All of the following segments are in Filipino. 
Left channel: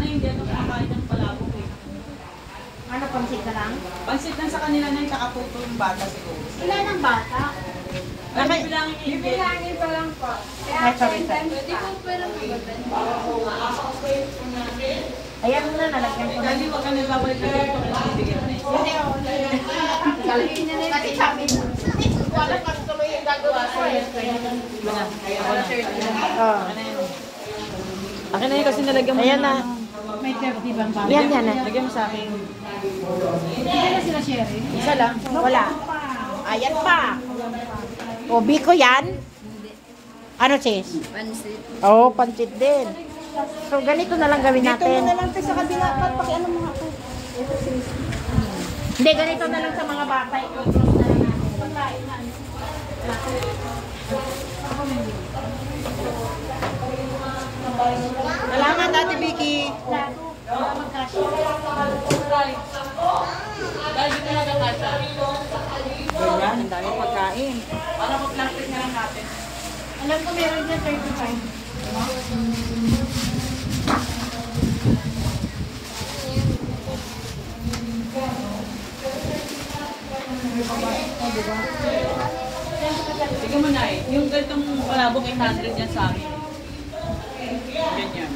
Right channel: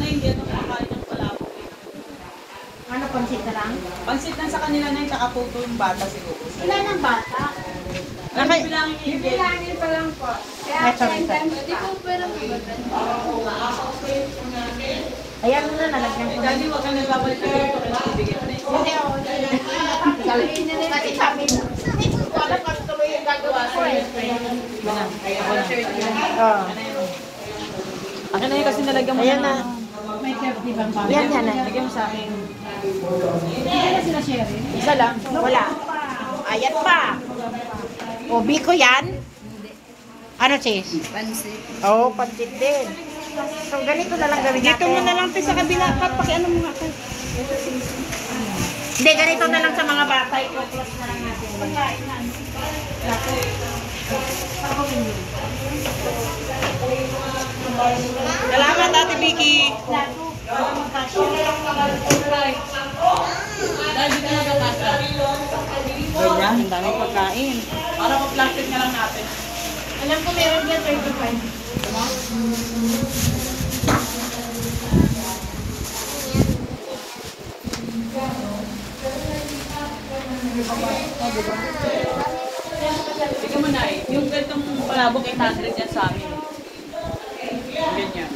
na hindi ito kumakain ng palabok eh. Ano, pansit ka lang? Pansit lang sa kanila na yung kakaputo yung bata siguro. Ilan ang bata? Bilangin pa lang po. Ayan mo na, nalagyan ko. Dali, huwag kang nagbabalik na dito kung bibigyan mo na ito. Hindi ako. Kasi sabi mo, wala ka tuloy yung gagawa ko. Oo. Akin na yun kasi nalagyan mo Ayan na. na. May 30 bang bata? Ayan yan. Lagyan mo sa akin. Hindi na sila sharing? Isa lang. Wala. Ayan pa. Ubi ko yan. Ano, sis? Pansit. Oo, pansit din. So, ganito na lang gawin natin. Dito mo na lang tayo sa kabila. Pakiano mo nga tayo. Hindi, ganito na lang sa mga bata. Pagkain na. Salamat, Ate Vicky. Ganyan, ang dami pagkain. Para mag-plastic na lang natin. Alam ko meron dyan 35. Sige mo na eh. Yung ganitong palabok 800 yan sa amin. Ganyan.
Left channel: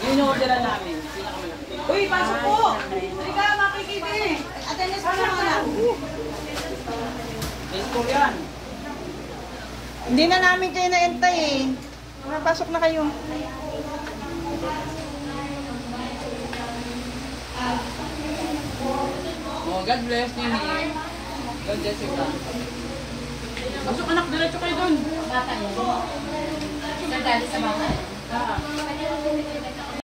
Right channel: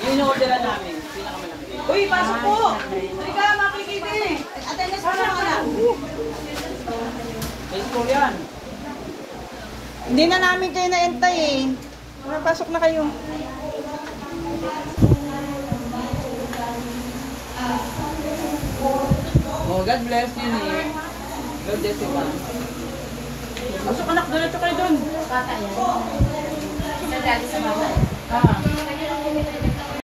Yun yung orderan namin. Pinakamalaki. Uy, pasok po! Halika, makikita eh. Attendance pa lang na. May school yan. Hindi na namin kayo naintay eh. Pasok na kayo. Oh, God bless you eh. God bless you ba? Pasok anak, diretso kayo dun. Bata yan. Sa dali sa bata. Ah.